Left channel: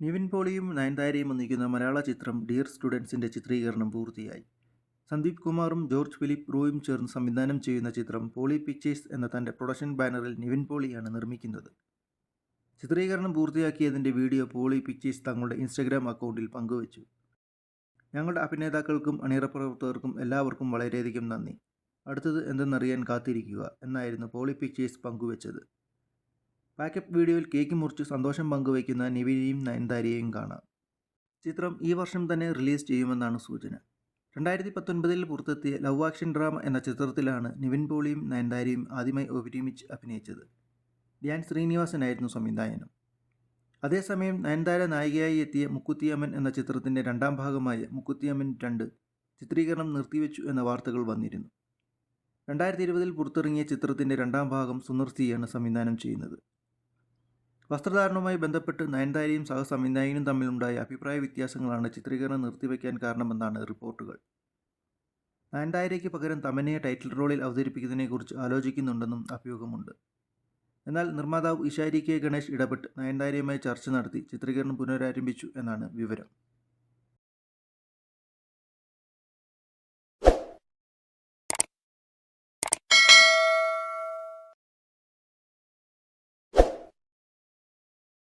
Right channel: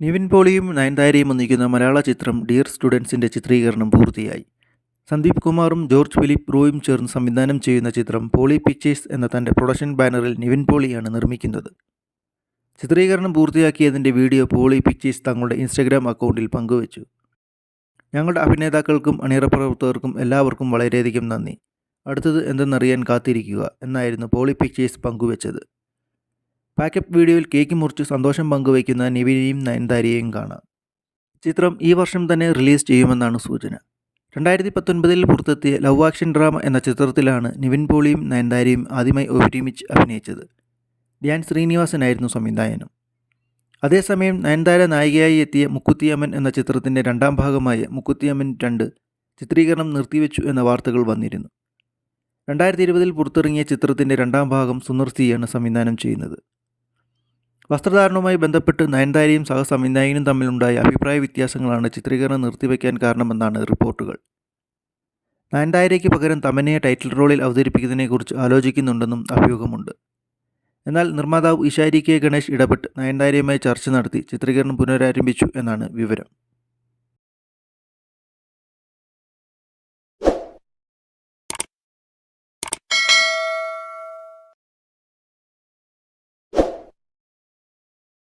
നിവിൻ പോളിയും നയൻതാരയും ഒന്നിക്കുന്ന മലയാള ചിത്രം ഡിയർ സ്റ്റുഡൻസിൻ്റെ ചിത്രീകരണം പൂർത്തിയായി. സന്ദീപ് കുമാറും ജോർജ് ഫിലിപ്പ് റോയും ചേർന്ന് സംവിധാനം ചെയ്യുന്ന ചിത്രം പോളി പിക്ചേഴ്സ് എന്ന തൻ്റെ പ്രൊഡക്ഷൻ ബാനറിൽ നിവിൻ പോളിയാണ് നിർമ്മിക്കുന്നത്. ചിത്രീകരണം പൂർത്തിയാക്കിയതിൻ്റെ വീഡിയോ പോളി പിക്ചേഴ്സ് തങ്ങളുടെ ഇൻസ്റ്റഗ്രാം അക്കൗണ്ടിൽ പങ്കുവച്ചു. ഞങ്ങളുടെ അഭിനേതാക്കൾക്കും അണിയറ പ്രവർത്തകർക്കും എല്ലാവർക്കും വളരെയധികം നന്ദി. അടുത്തത് എന്തെന്നറിയാൻ കാത്തിരിക്കുക എന്നായിരുന്നു പോളി പിക്ചേഴ്സ് പങ്കുവച്ചത്. പാക്കപ്പ് വീഡിയോയിൽ കേക്ക് മുറിച്ച് സന്തോഷം പങ്കുവയ്ക്കുന്ന നിവിനെയും നയൻതാരയെയും കാണാം. ചിത്രം ഈ വർഷം തന്നെ റിലീസ് ചെയ്യുമെന്നാണ് സൂചന. 2019 പുറത്തെത്തിയ ലവ് ആക്ഷൻ ഡ്രാമ എന്ന ചിത്രത്തിലാണ് നിവിൻ പോളിയും നയൻതാരയും ആദ്യമായി ഒരുമിച്ച് അഭിനയിച്ചത്. ധ്യാൻ ശ്രീനിവാസനായിരുന്നു സംവിധായകൻ. അതേസമയം നയൻതാര നായികയായി എത്തിയ മുക്കുത്തിയമ്മൻ എന്ന ചിത്രത്തിൻ്റെ രണ്ടാം ഭാഗമായ മുക്കുത്തിയമ്മൻ 2 ചിത്രീകരണം നിർത്തിവെച്ചു എന്ന വാർത്തകൾ വന്നിരുന്നു. 2020 പുറത്തിറങ്ങിയ ചിത്രത്തിൻ്റെ രണ്ടാം ഭാഗം സുന്ദർ സിയാണ് സംവിധാനം ചെയ്യുന്നത്. വസ്ത്രധാരണവുമായി ബന്ധപ്പെട്ട് നയൻതാരയും സഹസംവിധായകനും തമ്മിലുണ്ടായ അഭിപ്രായ വ്യത്യാസങ്ങളാണ് ചിത്രീകരണം നിർത്തിവെക്കാൻ കാരണമെന്നാണ് റിപ്പോർട്ടുകൾ. നയൻതാരയ്ക്ക് പകരം തമന്നയെ ടൈറ്റിൽ റോളിൽ അവതരിപ്പിക്കുന്നതിനെക്കുറിച്ച് ആലോചിക്കുന്നുണ്ടെന്നും അഭ്യൂഹമുണ്ട്. എന്നാൽ നിർമ്മാതാവ് ഇഷാരി കെ ഗണേഷ് ഇടപെട്ട് നയൻതാരയുമായി ചർച്ച നടത്തി ചിത്രീകരണം പുനരാരംഭിച്ചു എന്നാണ് വിവരം.